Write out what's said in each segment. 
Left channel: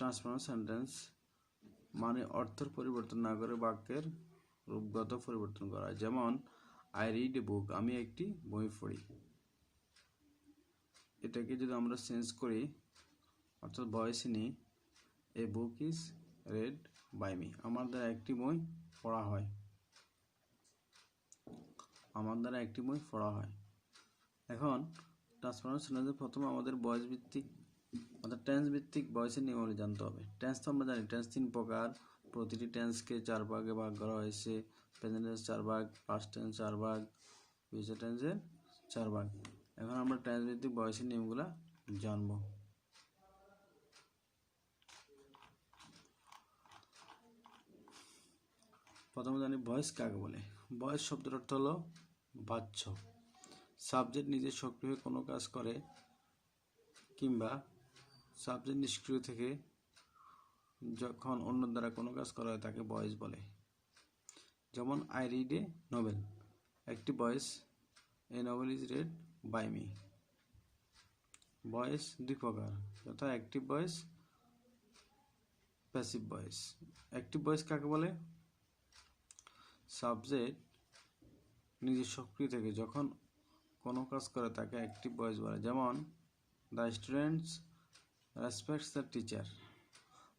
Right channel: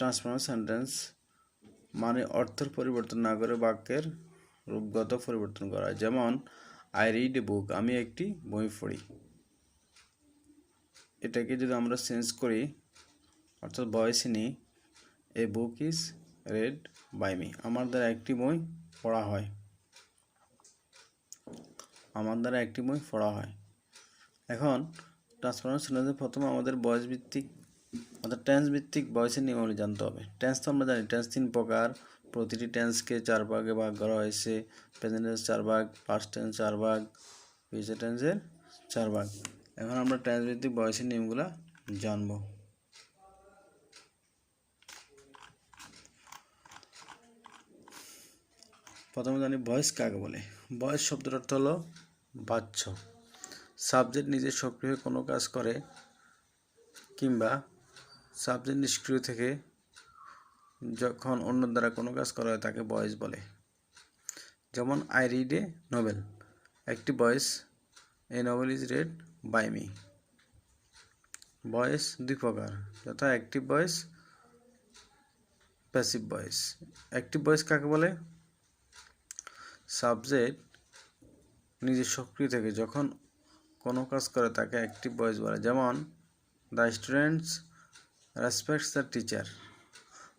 Transform sentence মানে অর্থের পরিবর্তন না করে বাক্যের রূপগত পরিবর্তন করা। যেমন আই রিড এ বুক, আমি একটি বই পড়ি। এটাকে যদি আমরা চেঞ্জ করি অর্থাৎ ভয়েসে নিই, a book is read by me, আমার দ্বারা একটি বই পড়া হয়। আমার দ্বারা একটি বই পড়া হয়। এখন ট্রান্সফরমার সেন্টেন্সে প্রথমে আমাদের ভয়েস ভিত্তিক অর্থাৎ টেন্স ভিত্তিক ভয়েসের নিয়মাবলী জানতে হবে। টেন্স তো আমরা জানি টেন্স 3 প্রকার, প্রতিটি টেন্সকে 4 ভাগে ভাগ করা হয়েছে। প্রেজেন্ট টেন্স 4 ভাগ, পাস্ট টেন্স 4 ভাগ, ফিউচার টেন্সের 4 ভাগ। এখন আমরা টেন্স ভিত্তিক ভয়েসের নিয়মগুলো জানবো। প্রথমে জানি ভয়েস কাকে বলে। ভয়েস শব্দের অর্থ হলো বাচ্য। সাবজেক্ট নিজে সক্রিয় কোনো কাজ করে কিংবা সাবজেক্ট নিষ্ক্রিয় থেকে যখন অন্য দ্বারা কোনো কাজ করা হয় তাকে ভয়েস বলে। যেমন আই রিড এ নোভেল, একটি voice, a novel is read by me. Voice দুই প্রকার, যথা active voice, passive voice. Active voice কাকে বলে? সাবজেক্ট নিজে সক্রিয় থেকে যখন কোনো কাজ করে তাকে অ্যাক্টিভ ভয়েস বলে। যেমন the students respects the teacher.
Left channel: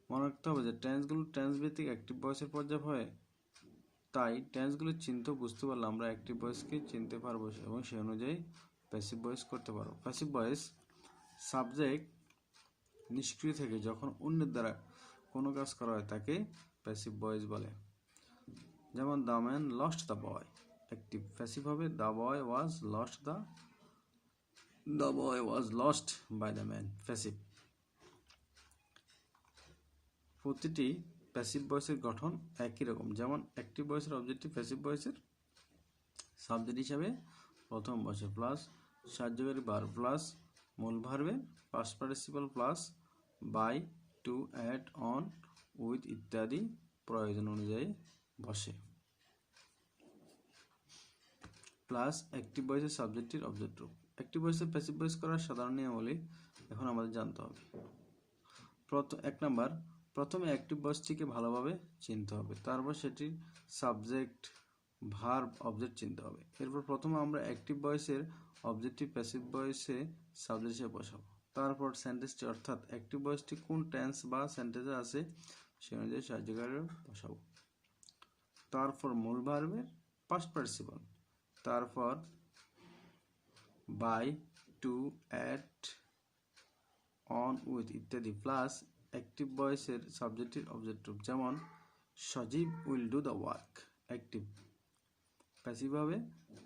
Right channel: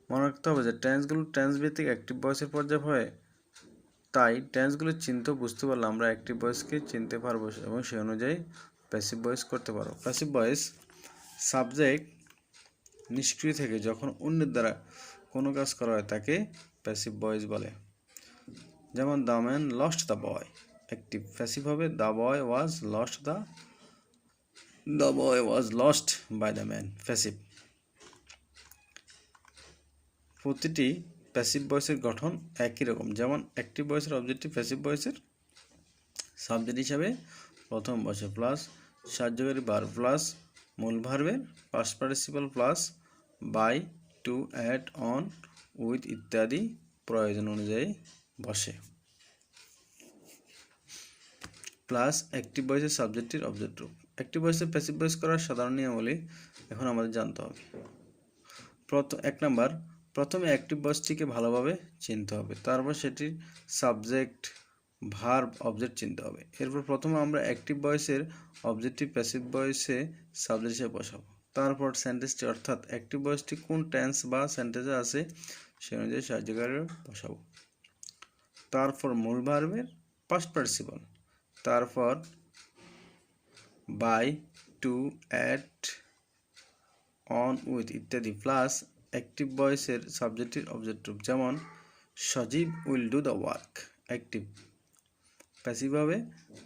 মনে রাখতে হবে যে টেন্সগুলো টেন্স ভিত্তিক অ্যাক্টিভ ভয়েসের পর্যায়ে হয়, তাই টেন্সগুলো চিনতে বুঝতে পারলে আমরা অ্যাক্টিভ ভয়েসকে চিনতে পারবো এবং সেই অনুযায়ী প্যাসিভ ভয়েস করতে পারবো। প্যাসিভ ভয়েস সাবজেক্ট নিষ্ক্রিয় থেকে যখন অন্যের দ্বারা কোনো কাজ করা হয় তাকে প্যাসিভ ভয়েস বলে। যেমন the man lost the boy, active. Passive হবে the boy was lost by the man, passive. প্রতিটি প্যাসিভ ভয়েসের গঠন একই রকম। যেমন অ্যাক্টিভ ভয়েসের অবজেক্টিভ প্যাসিভ ভয়েসের সাবজেক্ট হিসাবে প্রথম বসে প্লাস সাহায্যকারী ভার্ব প্লাস মূল ভার্বের past participle plus by, to, at, on, with ইত্যাদি প্রয়োজন অনুযায়ী বসে। প্লাস অ্যাক্টিভ ভয়েসের সাবজেক্টের অবজেক্ট রূপ। অ্যাক্টিভ ভয়েসের প্যাসিভ ভয়েস করার সাধারণ নিয়মাবলী এখন আমাদের জানতে হবে। এক নাম্বার, প্রথমে অ্যাক্টিভ ভয়েসটিকে ভালোভাবে চিনতে হবে, তারপর সেটির সাবজেক্ট ভার্ব অবজেক্ট চিনতে হবে। এরপর প্রথমে আমরা অ্যাক্টিভ ভয়েসের অবজেক্টিভ প্যাসিভ ভয়েসে সাবজেক্ট হিসেবে বসাবো। তারপর সেন্টেন্সটি অর্থাৎ অ্যাক্টিভ ভয়েসটি কোন টেন্স বা সেন্টেন্সে আছে সে অনুযায়ী সাহায্যকারী বসাবো। তারপর মূল ভার্বের পাস্ট পার্টিসিপল, তারপর by, to, at, on, with ইত্যাদি প্লাস অ্যাক্টিভ ভয়েসের সাবজেক্টের অবজেক্ট রূপ। যেমন Sajib will do the work, active. Passive হবে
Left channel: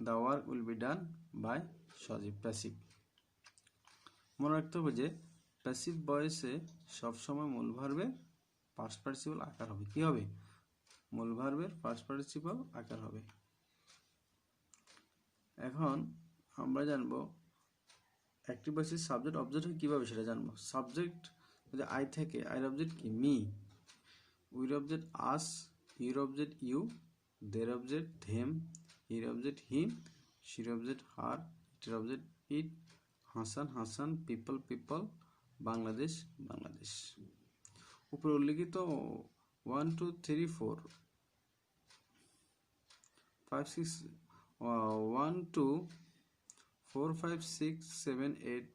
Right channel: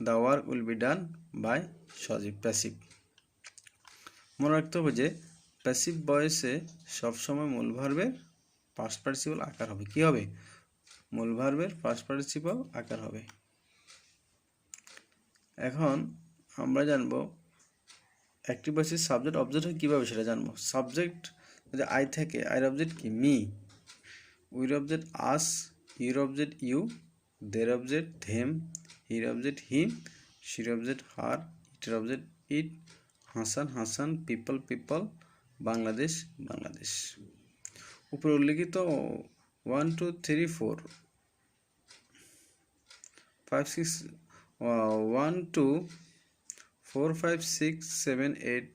the work will be done by Sajib, passive. মনে রাখতে হবে যে প্যাসিভ ভয়েসে সবসময় মূল ভার্বের পাস্ট পার্টিসিপল আকার হবে। কি হবে? মূল ভার্বের পাস্ট পার্টিসিপল আকার হবে। এখন আমরা জানবো অ্যাক্টিভ ভয়েসের সাবজেক্ট অবজেক্ট হয় কীভাবে সেটা জানবো। সাবজেক্ট যদি আই থাকে, আইর অবজেক্ট কি? মি। উইর অবজেক্ট আস, ইউর অবজেক্ট ইউ, দের অবজেক্ট থেম, হির অবজেক্ট হিম, শির অবজেক্ট হার, ইটের object it, Hasan people, Bangladesh Bangladesh. উপরে উল্লিখিত 1 2 3 4 5 6 1 2 4 5 6 7 8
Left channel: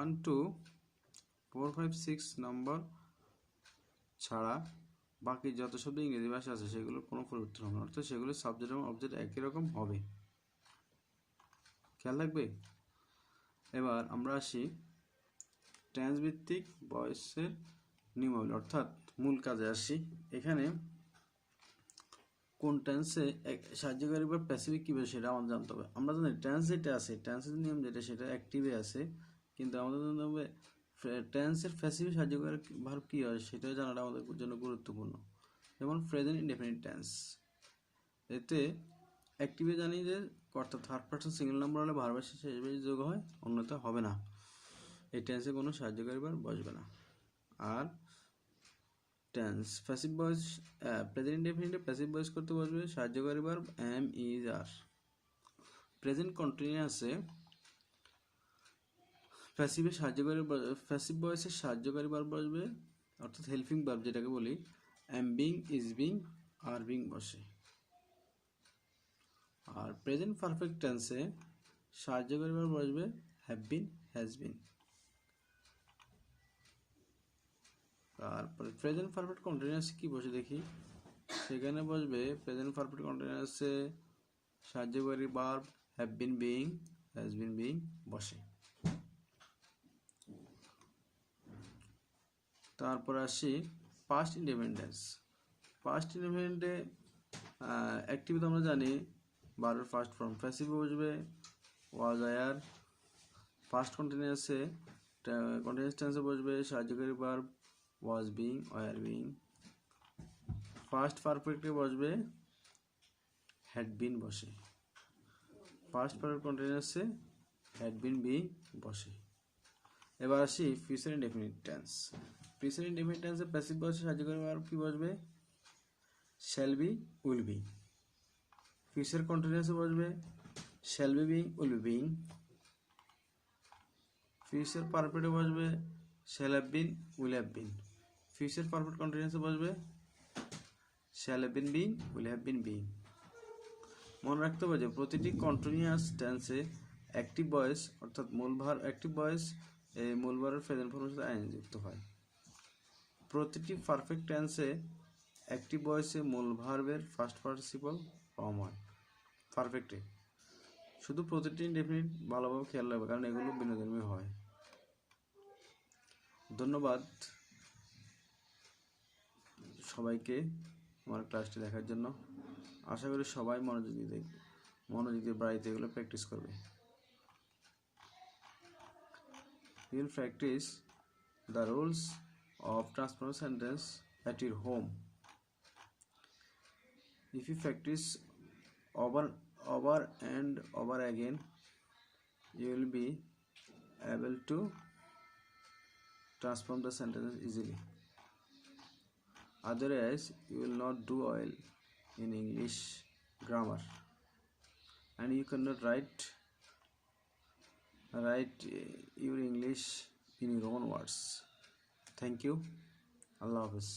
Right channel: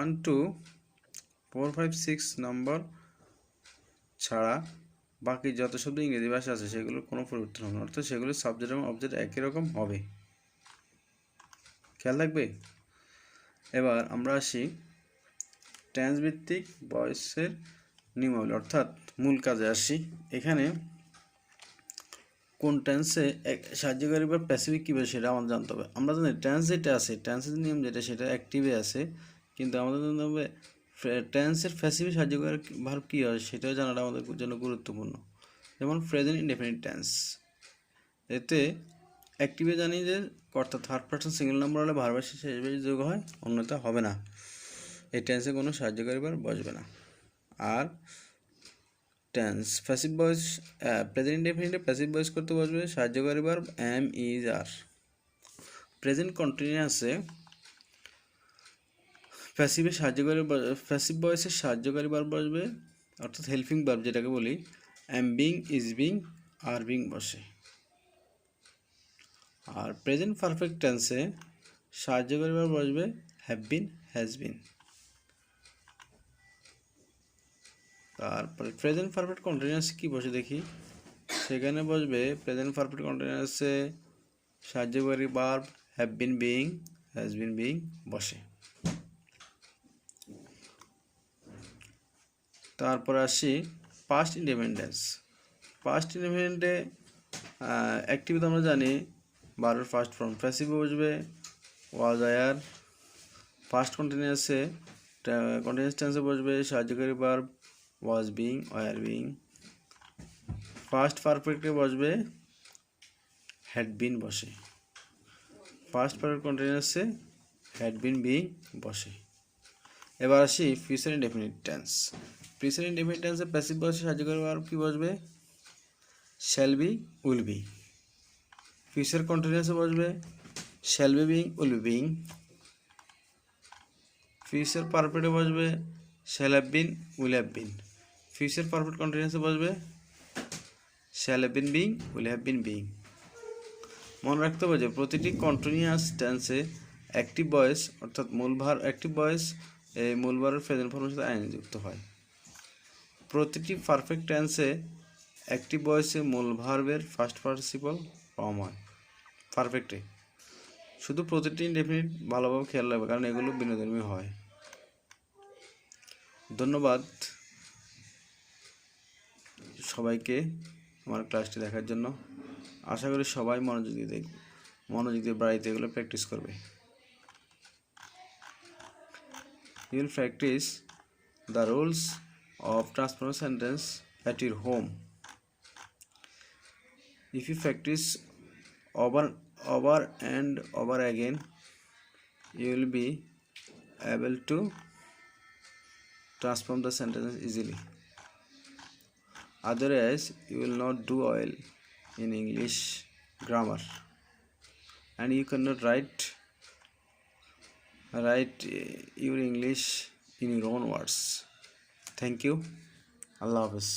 1 2 4 5 6 নম্বর ছাড়া বাকি যত শব্দ ইংরেজি ভাষা আছে সেগুলোর কোনো পরিবর্তন হবে না, অর্থাৎ সেগুলোর সাবজেক্ট এবং অবজেক্ট একই রকম হবে। খেয়াল রাখবে। এবার আমরা আসি টেন্স ভিত্তিক ভয়েসের নিয়মাবলী অর্থাৎ মূল কাজে আসি। এখানে কোন টেন্সে সাহায্যকারী বা প্যাসিফিক কীভাবে সেটা আমাদের জানতে হবে। আমরা জানি টেন্স যেটা আছে, টেন্সের নিয়ম যেটা সেটা অ্যাক্টিভে আছে, কিন্তু আমাদের জানতে হবে টেন্সের প্যাসিফিক সাহায্যকারী ভার্ব কী হয় সেটাও জানাটা আমাদের জন্য গুরুত্বপূর্ণ। যেমন প্রেজেন্ট ইনডেফিনিট টেন্স, এতে অ্যাক্টিভে জানি যে কর্তা থার্ড পারসন সিঙ্গেল নাম্বার হলে ভার্বের শেষে যোগ হয়, অন্যথা হবে না। এই টেন্সে কোনো সাহায্যকারী ভার্ব বসবে না। আর টেন্স প্যাসিভ ভয়েস প্রেজেন্ট ইনডেফিনিটে প্যাসিভ ভয়েস করতে বসবে সাহায্যকারী verb am, is, are. Present কন্টিনিউয়াসে প্যাসিভে সাহায্যকারী প্যাসিভ ভয়েসে সাহায্যকারী ভার্ব বসবে, অর্থাৎ হেল্পিং ভার্ব যেটাকে বলি, অ্যাম being, is being, are being বসে। আর প্রেজেন্ট পারফেক্ট টেন্সে সাহায্যকারী ভার্ব বসবে হ্যাভ বিন, হ্যাজ বিন। তারপরে প্রেজেন্ট পারফেক্ট কন্টিনিউয়াসে কি বসে দেখি, সেখানে বসবে প্রেজেন্ট পারফেক্ট কন্টিনিউয়াসে সাহায্যকারী verb have been being, has been being বসে। তারপরে আসি পাস্ট ইন্ডিপেন্ডেন্স। পাস্ট ইন্ডিপেন্ডেন্টে অ্যাক্টিভিটি আমরা জানি ভার্বের ফার্স্ট ফর্ম, প্যাসিভে বসবে ওয়াজ, আয়ার। ফার্স্ট কন্টিনিউয়াসে কন্টিনিউয়াস টেন্সে বসবে সাহায্যকারী verb was being, were being. First পারফেক্টে বসবে হ্যাড বিন বসে। ফার্স্ট পারফেক্ট কন্টিনিউয়াসে হ্যাড বিন বিং বসে। এবার আসি future indefinite tense. Future indefinite টেন্সে প্যাসিভ বসে সাহায্যকারী ভার্ব কি বসবে, shall be, will be. Future কন্টিনিউয়াসে বসবে shall be being, will be being. Future পারফেক্টে বসবে shall have been, will have been. Future perfect কন্টিনিউয়াসে বসবে shall have been being, will have been being. মনে রাখতে হবে যে প্রতিটি কন্টিনিউয়াস টেন্সে অ্যাক্টিভ ভয়েস অর্থাৎ মূল ভার, অ্যাক্টিভ ভয়েস এই মূল ভারের প্রেজেন্ট ফর্মের সাথে আইএনজি যুক্ত হয়। প্রতিটি পারফেক্ট টেন্সে অ্যাক্টিভ ভয়েসে মূল ভার্বের ফার্স্ট পার্টিসিপল ফর্ম হয় পারফেক্টে। শুধু প্রতিটি ইনডেফিনিট ভালোভাবে খেয়াল রাখবে, কারণ এগুলো বিনোদনময় হয়। ধন্যবাদ সবাইকে আমার ক্লাসটি দেখার জন্য। আশা করি সবাই মনোযোগ দিয়ে বাড়িতে এগুলো প্র্যাকটিস করবে। You will practice the rules of transformer sentence at your home. If you practice over and over again, you will be able to transform the sentences easily. Otherwise, you will not do well in English grammar, and you cannot write your English in your own words. Thank you. Allah Hafiz.